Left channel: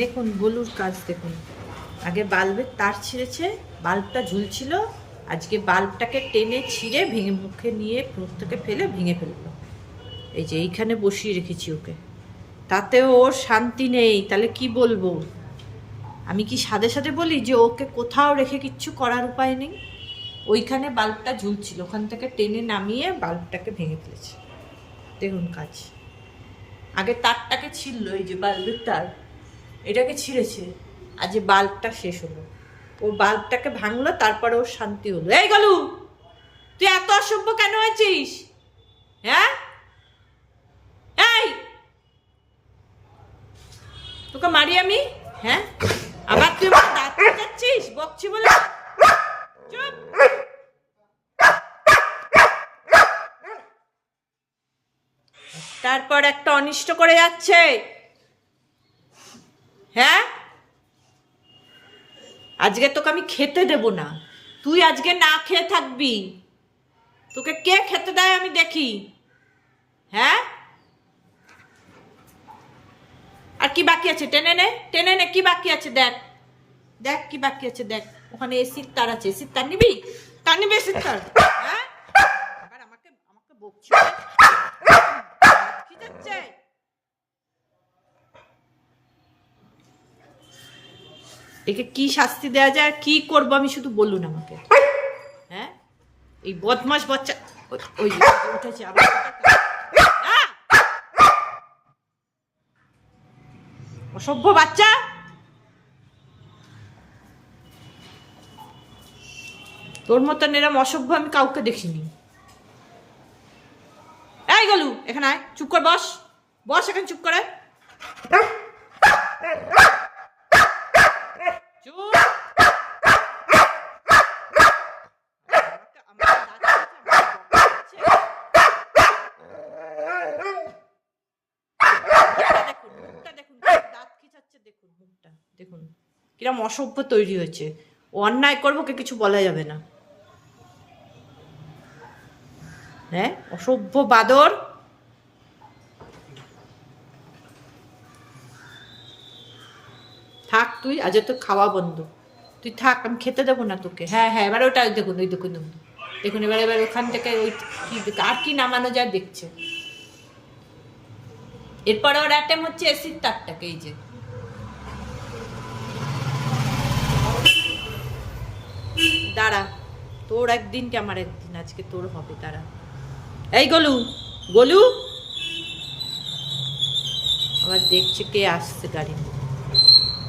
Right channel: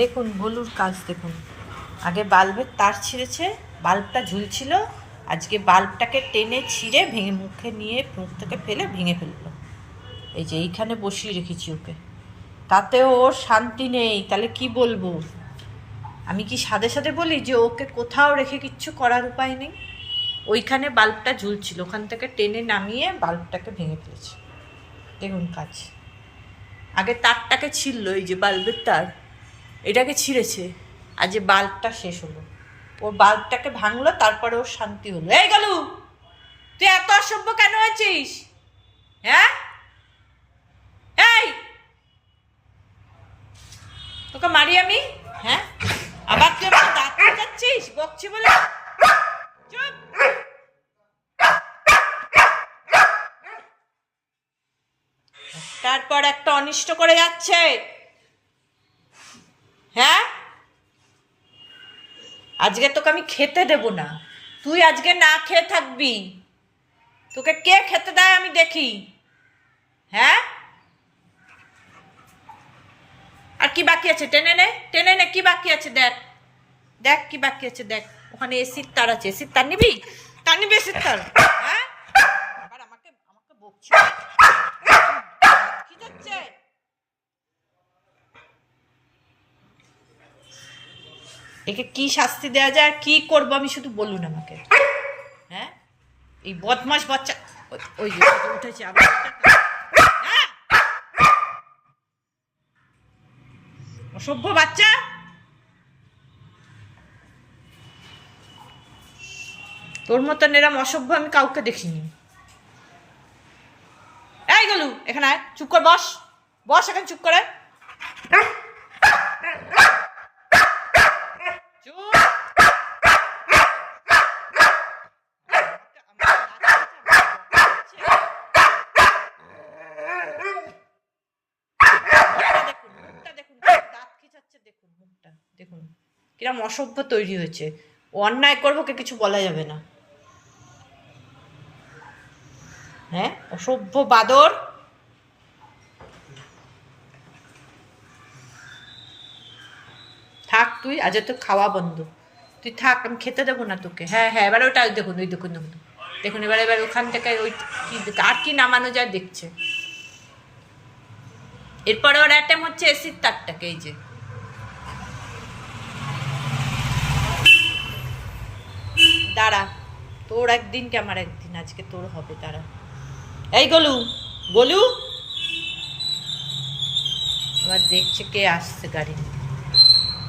দেখুন গোলুর কাজ দেখুন। আগে বাল্বের তার ছিঁড়েছে, বাল্বটা ঝুলছিল, আজকে বাল্বটাকে টেনে ছিঁড়ে ভেঙে মুখে নিয়ে মুখ থেকে ফেলে ভেঙে ফেললো। এই যে এইখানে বসিয়ে রেখেছি ওকে, তাতেও ওর শান্তি নেই। তাহলে কি বলবো? আমি কি সাথে সাথে বলি যে ওকে কোথাও রেখে কিচ্ছু করার উপায় নেই? ওইখানে বাল্বটা ঝুলছিল, ওখান থেকে টেনে নামিয়ে বাল্বটাকে ভেঙে ফেলেছে। দেখুন কাজ। আগে তারটাকে ছিঁড়লো, এই যে বাল্বের তার, এটাকে ছিঁড়েছে। আর যে বাল্বটা শেষ হলো, ওর বাল্বটাকে ভাঙলো, তারপরে ওর শান্তি হলো। এই গলু, তুই এত অসভ্য কেন হয়েছিস? হ্যাঁ, এই তোকে মারি আমি? হ্যাঁ, আবার তুই আমার দাঁত কাটছিস বকছি বলে? চুপ। তারপর একটা অনিষ্ট করে যাচ্ছে। হ্যাঁ, আজকে তোকে আমি খেতে দেব না, তুই আজকে না খেয়ে থাকবি। তোকে কে খেতে দেয় আমি দেখি। হ্যাঁ, আর কি বাকি আছে? টেনে নে, টেনে নে, কি বাকি আছে দেখ, দেখ কি বাকি আছে দেখ। ওখানে এসির তার আছে, এসির তার নিবি? তার নিবি এসির তার? হ্যাঁ, আবার আমাকে আমাকে বকছি? কি যাচ্ছে? একে কি শাস্তি দেওয়া যায় আর কি করবো আমি, শুধু বলুন আমাকে। হ্যাঁ, এই বদমাস বাচ্চা ওই যে উঠেছে আবার। অসভ্য বাচ্চা। তোর মতন এরম অসভ্য আমি কাউকে দেখিনি। এই গলু, এখানে আয়, চুপ কর, বস বস এখানে চুপ করে। দেখুন মুখটা, দেখুন কিরম অসভ্য তৈরি হয়েছে। ও অন্যায় করবো, কে কিছু বলা যাবে না। হ্যাঁ, অসভ্য বাদর। থাক তুই, আজ তো খাওয়া বন্ধ, তুই থাক, আমি খেতে দেবো না তোকে। হ্যাঁ হ্যাঁ, এবার ওটা দেখুন, ওই দেখুন দেখুন দেখুন, এবার এবার ওখান থেকে ওই কি আর কি নামানো যায় দেখছে। এরপরে ওর অ্যাটেম্প হচ্ছে এসির তারটাকে, এই যে দাঁড়া, তোর একদিন কি আমার একদিন, আজকে তোর হবে, দাঁড়া। এই গলু, গলু আবার দেখছে কে আসছে গাড়ি নিয়ে।